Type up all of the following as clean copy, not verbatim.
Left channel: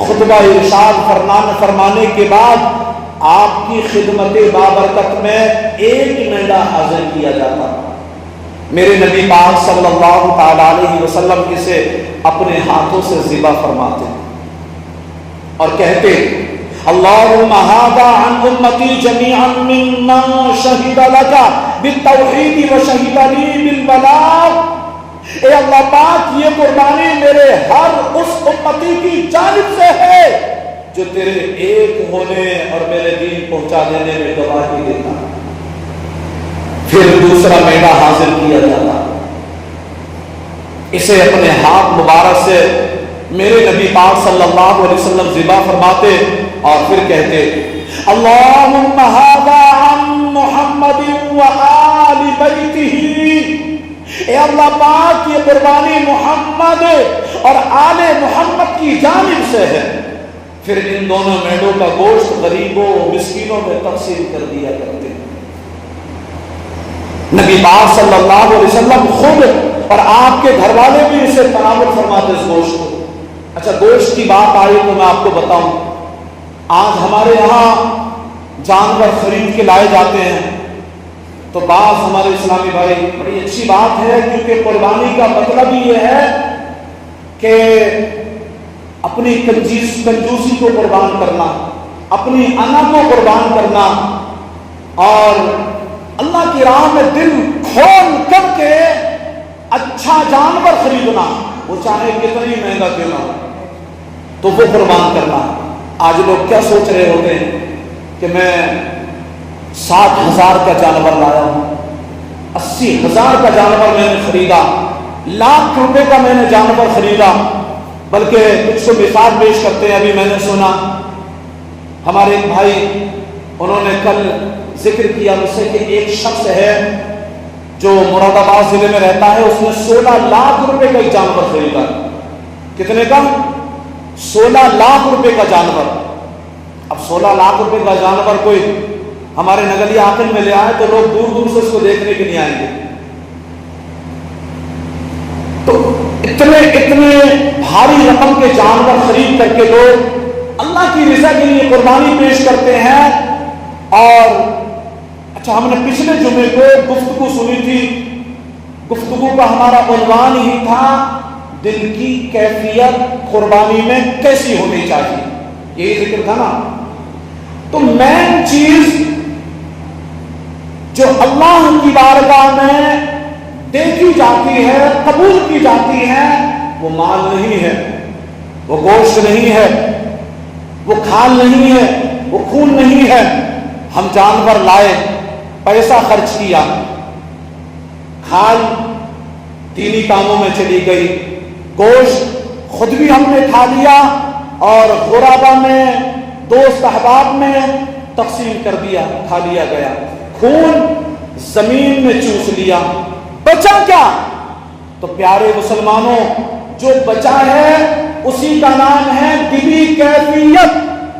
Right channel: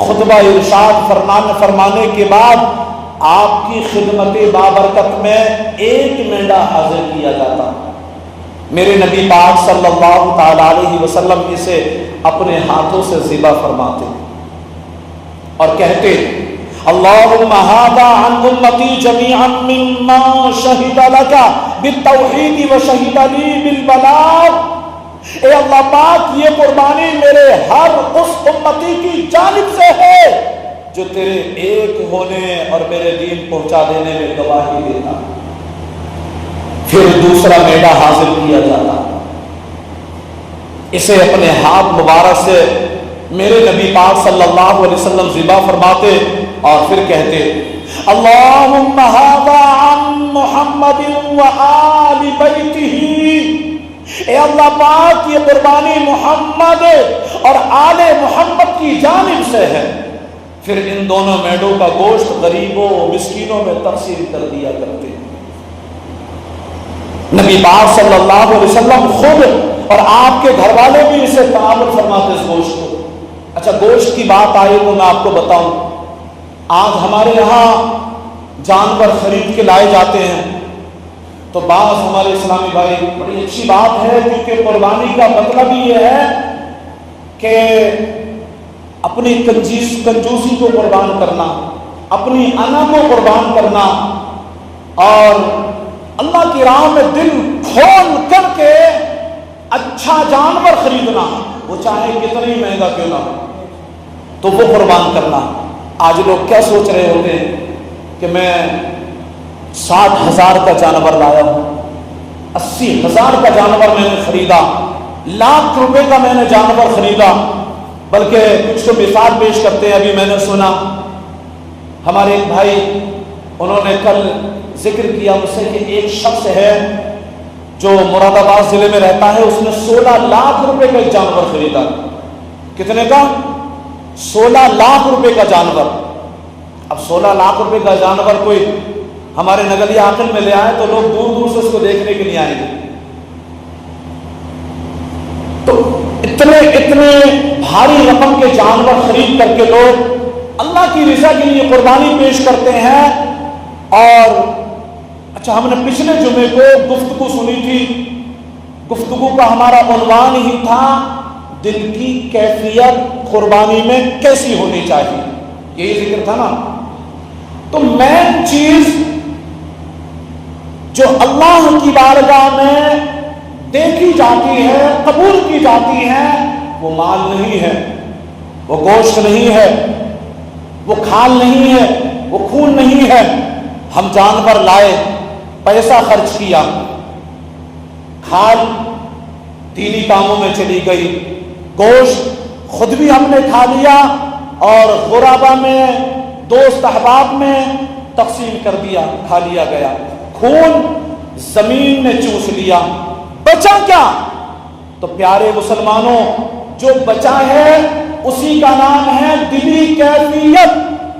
خطبہ ارشاد فرمانے کے بعد آپ کی خدمت بابرکت میں ایک مینڈا حاضر کیا جاتا. میرے نبی پاک صلی اللہ تعالی علیہ وسلم اسے اپنے ہاتھوں سے ذبح فرماتے اور کہتے اللہم ھذا عن امتی جمیعا ممن شہد لک بالتوحید وشہد لی بالبلاغ. اے اللہ پاک یہ قربانی میرے ہر اس امتی کی جانب سے ہے جو تیرے ایک ہونے اور میرے دین پہنچا دینے میں گواہی دیتا. پھر دوسرا میڈا حاصل کیا جاتا, اسے اپنے ہاتھ مبارک سے میرے نبی پاک صلی اللہ علیہ وسلم ذبح فرماتے اور پھر کہتے اللہم ھذا عن محمد وآل بیتہ. اے اللہ پاک یہ قربانی محمد اور آل محمد کی جانب سے ہے. پھر ان دونوں میڈوں کا گوشت غریبوں مسکینوں میں تقسیم کر دیا کرتے. نبی پاک صلی اللہ علیہ وسلم خود اور آپ کے گھر والے بھی اسے تناول فرماتے اس گوشت کو. اچھا گوشت کی بات آئی تو میں آپ کو بتاؤں, آج ہمارے یہاں جانور خرید کے لائے جاتے ہیں تو بعض ہمارے اسلامی بھائی بڑی اچھی بات ہے کیونکہ قربانی کا مطلب یہ ہے کہ اپنی کنجوسی کو قربان کرنا, اپنی انا کو قربان کرنا اور اللہ کی راہ میں دل کھول کر کے اچھا جانور خریدنا, وہ چاہے کتنا ہی مہنگا کیوں نہ تو وہ قربان کرنا. آج لوگ کیا سوچ رہے ہوتے ہیں کہ میں 60,000 کا جانور لایا ہوں, 80,000 کا جانور میں نے خریدا, لاکھ روپے کا میں نے جانور خریدا. بلکہ کچھ تو مثال پیش کرتے ہیں. ابھی میں نے سنا ہمارے ایک بھائی انہوں نے کل ذکر کیا مجھ سے کہ ایک شخص ہے جو مراد آباد ضلع میں رہتا ہے, اس نے 16 لاکھ روپے کا ایک جانور خریدا. کتنے کا؟ 16 لاکھ روپے کا جانور. اب 16 لاکھ روپے کا جانور کوئی ہمارے نگریہ آنگن میں لے آئے تو لوگ دور دور سے اس کو دیکھنے کے لیے آئیں گے. تو اتنے بھاری رقم کے جانور خرید کر کے لوگ اللہ کی رضا کے لیے قربانی پیش کرتے ہیں. اور اچھا ہم نے پچھلے جمعے کو گفتگو سنی تھی, گفتگو کا ہمارا عنوان ہی تھا دل کی کیفیت قربانی میں کیسی ہونی چاہیے, یہی ذکر تھا نا. تو مین چیز جو اللہ کی بارگاہ میں دیکھی جاتی ہے, قبول کی جاتی ہے, وہ مال نہیں ہے, وہ گوشت نہیں ہے, وہ کھال نہیں ہے, وہ خون نہیں ہے. ہم جانور لائے, پیسہ خرچ کیا, کھال دینی کاموں میں چلی گئی, گوشت خود بھی ہم نے کھا لیا اور غربا میں دوست احباب میں تقسیم کر دیا, کھا لیا گیا. خون زمین میں چوس لیا, بچا کیا؟ تو پیارے مسلمانوں جو بچا ہے اسی کا نام ہے دلی کیفیت,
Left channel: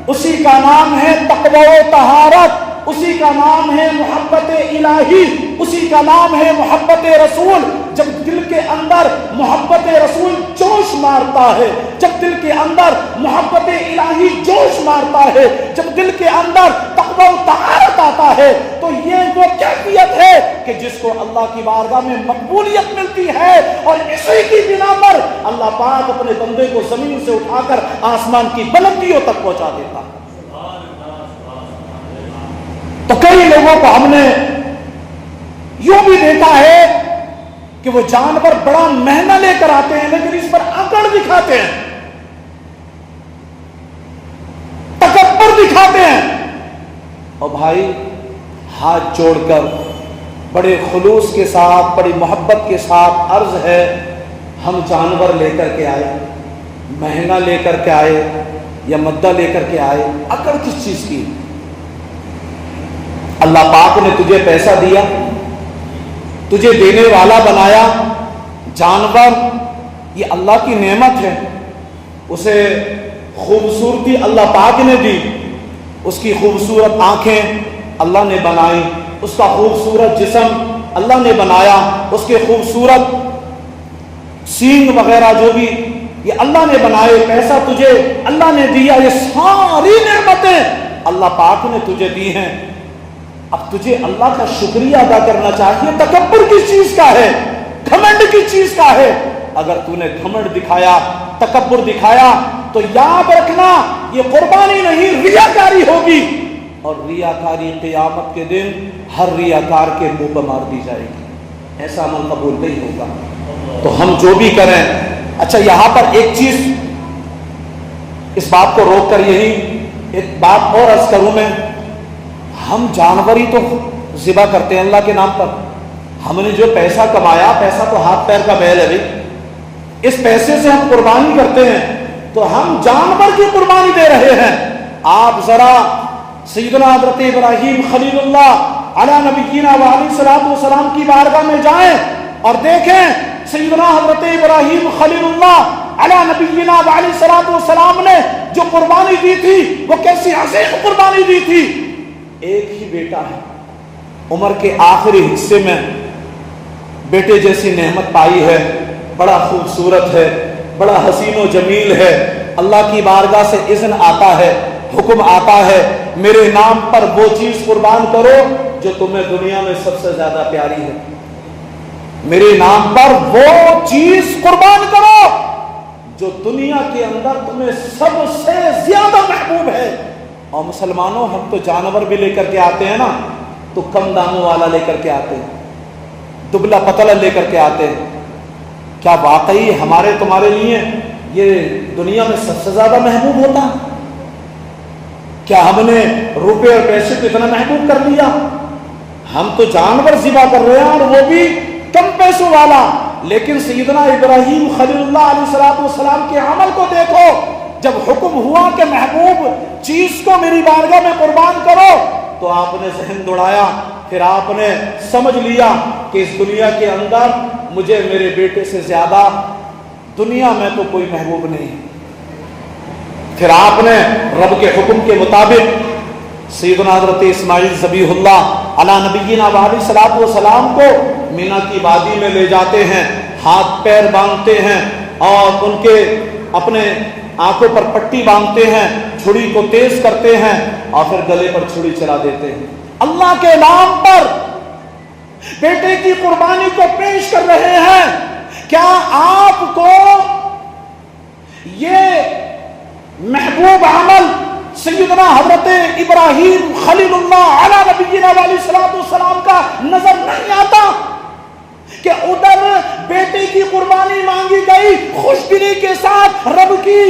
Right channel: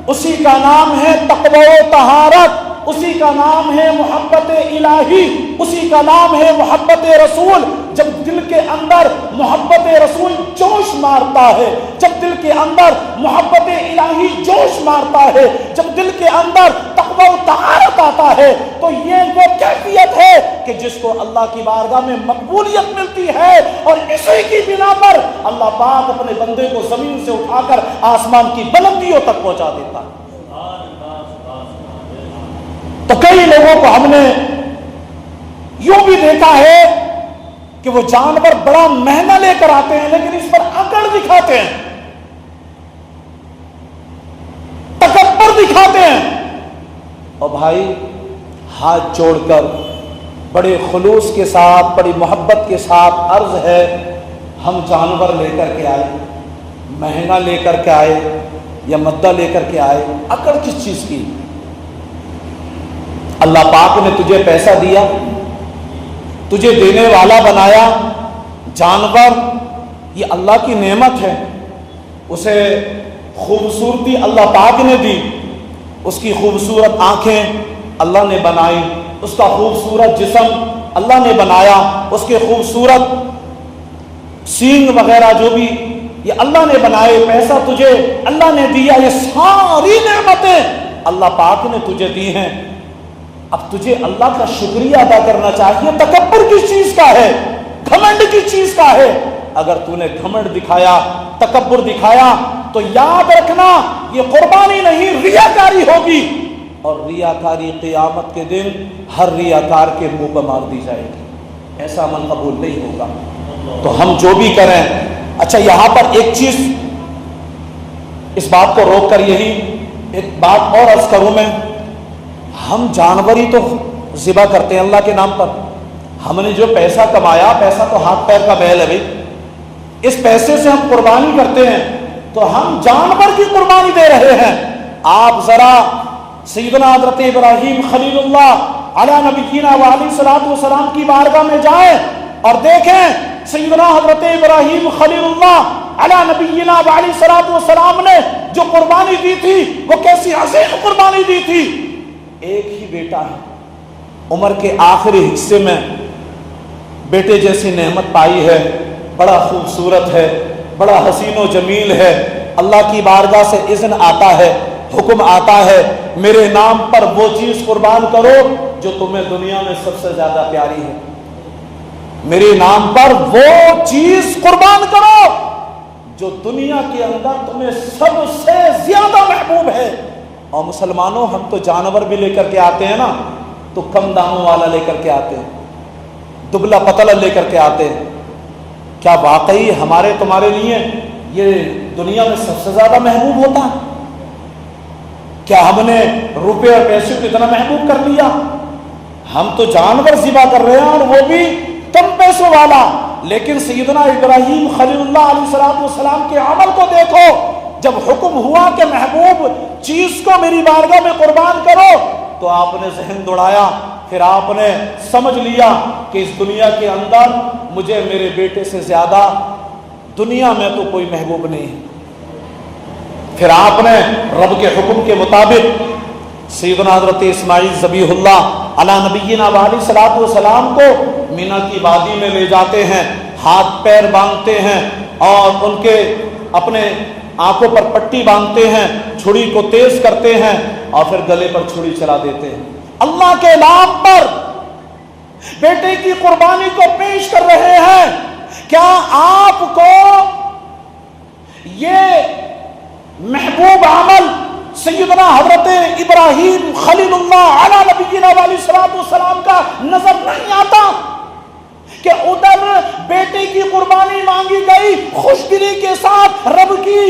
اسی کا نام ہے تقوی و طہارت, اسی کا نام ہے محبت الہی, اسی کا نام ہے محبت رسول. جب دل کے اندر محبت رسول جوش مارتا ہے, جب دل کے اندر محبت الہی جوش مارتا ہے, جب دل کے اندر تقوی و طہارت آتا ہے تو یہ وہ کیفیت ہے کہ جس کو اللہ کی بارگاہ میں مقبولیت ملتی ہے. اور اسی کی بنا پر اللہ پاک اپنے بندے کو زمین سے اٹھا کر آسمان کی بلندیوں تک پہنچا دیتا. تو کئی لوگوں کو ہم نے یوں بھی دیکھا ہے کہ وہ جانور بڑا مہنگا لے کر آتے ہیں لیکن اس پر اکڑ دکھاتے ہیں, تکبر دکھاتے ہیں. اور بھائی ہاتھ جوڑ کر بڑے خلوص کے ساتھ, بڑی محبت کے ساتھ عرض ہے, ہم جانور لے کر کے آئے, مہنگا لے کر کے آئے یا مدہ لے کر کے آئے, اکڑ کس چیز کی؟ اللہ پاک نے تجھے پیسہ دیا, تجھے دینے والا بنایا. جانور یہ اللہ کی نعمت ہے, اسے خوبصورتی اللہ پاک نے دی, اس کی خوبصورت آنکھیں اللہ نے بنائی, اس کا خوبصورت جسم اللہ نے بنایا, اس کے خوبصورت سینگ وغیرہ جو بھی یہ اللہ نے بنائے، پیسہ تجھے اللہ نے دیا، یہ ساری نعمتیں اللہ پاک نے تجھے دی ہیں، اب تجھے اللہ کا شکریہ ادا کرنا چاہیے۔ تکبر کس چیز کا ہے؟ گھمنڈ کس چیز کا ہے؟ اگر تو نے گھمنڈ دکھایا، تکبر دکھایا، تو یاد رکھنا یہ قربانی نہیں، ریاکاری ہوگی، اور ریاکاری قیامت کے دن ہر ریاکار کے منہ پر مار دی جائے گی، ایسا عمل قبول نہیں ہوگا۔ تو ہم جو بھی کریں، اچھا یہاں پر ایک چیز اس بات کو روک کر یہی ایک بات اور عرض کروں میں، ہم جانور ہی تو ذبح کرتے ہیں اللہ کے نام پر، ہم نے جو پیسہ کمایا، پیسہ تو ہاتھ پیر کا میل ہے بھائی، اس پیسے سے ہم قربانی کرتے ہیں تو ہم جانور کی قربانی دے رہے ہیں۔ آپ ذرا سیدنا حضرت ابراہیم خلیل اللہ علی نبینا وعلیہ الصلوۃ والسلام کی بارگاہ میں جائیں اور دیکھیں سیدنا حضرت ابراہیم خلیل اللہ علی نبینا وعلیہ الصلوۃ والسلام نے جو قربانی دی تھی وہ کیسی عظیم قربانی دی تھی۔ ایک ہی بیٹا ہے، عمر کے آخری حصے میں بیٹے جیسی نعمت پائی ہے، بڑا خوبصورت ہے، بڑا حسین و جمیل ہے، اللہ کی بارگاہ سے اذن آتا ہے، حکم آتا ہے میرے نام پر وہ چیز قربان کرو جو تمہیں دنیا میں سب سے زیادہ پیاری ہے، میرے نام پر وہ چیز قربان کرو جو دنیا کے اندر تمہیں سب سے زیادہ محبوب ہے۔ اور مسلمانوں ہم تو جانور بھی لے کر کے آتے ہیں نا، تو کم داموں والا لے کر کے آتے ہیں، دبلا پتلا لے کر کے آتے ہیں، کیا واقعی ہمارے تمہارے لیے یہ دنیا میں سب سے زیادہ محبوب ہوتا ہے؟ کیا ہم نے روپے اور پیسے کو اتنا محبوب کر لیا؟ ہم تو جانور ذبح کر رہے ہیں اور وہ بھی کم پیسوں والا، لیکن سیدنا ابراہیم خلیل اللہ علیہ الصلوۃ والسلام کے عمل کو دیکھو، جب حکم ہوا کہ محبوب چیز کو میری بارگاہ میں قربان کرو تو آپ نے ذہن دوڑایا، پھر آپ نے سمجھ لیا کہ اس دنیا کے اندر مجھے میرے بیٹے سے زیادہ دنیا میں تو کوئی محبوب نہیں۔ پھر آپ نے رب کے حکم کے مطابق سیدنا حضرت اسماعیل ذبیح اللہ علی نبینا وعلیہ الصلوۃ والسلام کو مینا کی وادی میں لے جاتے ہیں، ہاتھ پیر باندھتے ہیں اور ان کے اپنے آنکھوں پر پٹی باندھتے ہیں، چھری کو تیز کرتے ہیں اور پھر گلے پر چھری چلا دیتے ہیں، اللہ کے نام پر بیٹے کی قربانی کو پیش کر رہے ہیں۔ کیا آپ کو یہ محبوب عمل سیدنا حضرت ابراہیم خلیل اللہ علی نبینا علیہ الصلوۃ والسلام کا نظر نہیں آتا کہ ادھر بیٹے کی قربانی مانگی گئی، خوش دلی کے ساتھ رب کی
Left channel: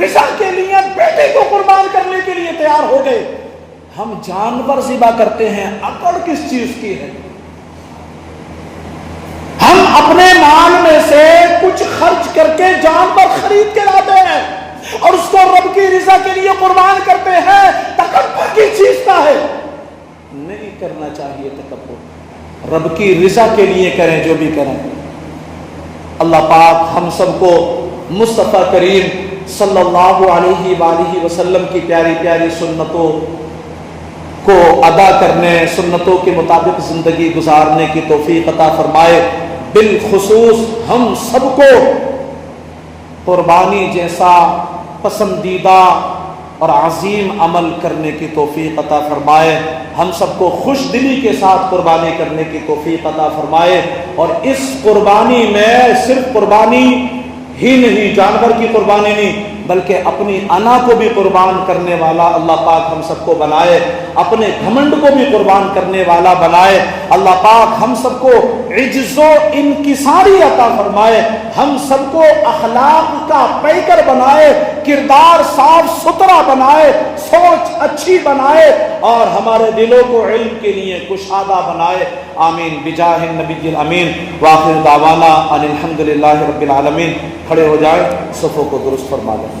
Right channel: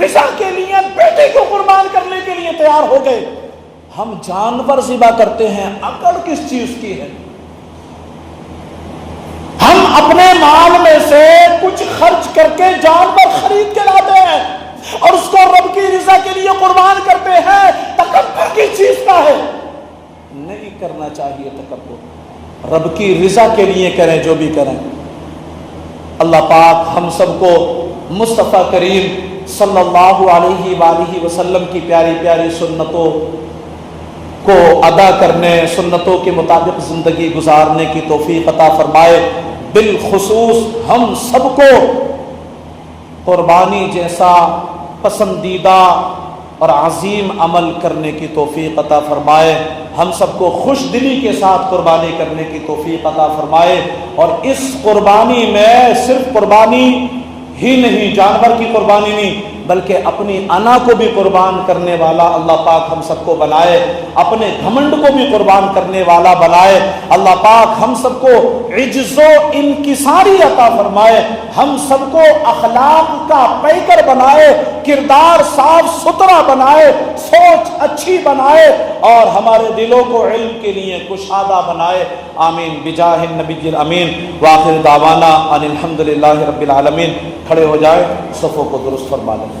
رضا کے لیے بیٹے کو قربان کرنے کے لیے تیار ہو گئے؟ ہم جانور ذبح کرتے ہیں، عقل کس چیز کی ہے؟ ہم اپنے مال میں سے کچھ خرچ کر کے جانور خرید کے لاتے ہیں اور اس کو رب کی رضا کے لیے قربان کرتے ہیں، تکبر کس چیز کا ہے؟ نہیں کرنا چاہیے تکبر، رب کی رضا کے لیے کریں جو بھی کریں۔ اللہ پاک ہم سب کو مصطفیٰ کریم صلی اللہ علیہ وآلہ وسلم کی پیاری پیاری سنتوں کو ادا کرنے، سنتوں کے مطابق زندگی گزارنے کی توفیق عطا فرمائے۔ بالخصوص ہم سب کو قربانی جیسا پسندیدہ اور عظیم عمل کرنے کی توفیق عطا فرمائے، ہم سب کو خوش دلی کے ساتھ قربانی کرنے کی توفیق عطا فرمائے، اور اس قربانی میں صرف قربانی ہی نہیں، جانور کی قربانی نہیں، بلکہ اپنی انا کو بھی قربان کرنے والا اللہ پاک ہم سب کو بنائے، اپنے گھمنڈ کو بھی قربان کرنے والا بنائے۔ اللہ پاک ہم سب کو عجز و انکساری عطا فرمائے، ہم سب کو اخلاق کا پیکر بنائے، کردار صاف ستھرا بنائے، سوچ اچھی بنائے، اور ہمارے دلوں کو علم کے لیے کشادہ بنائے۔ آمین بجاہ النبی الامین۔ وآخر دعوانا ان الحمد للہ رب العالمین۔ کھڑے ہو جائیں، صفوں کو درست فرما لیں۔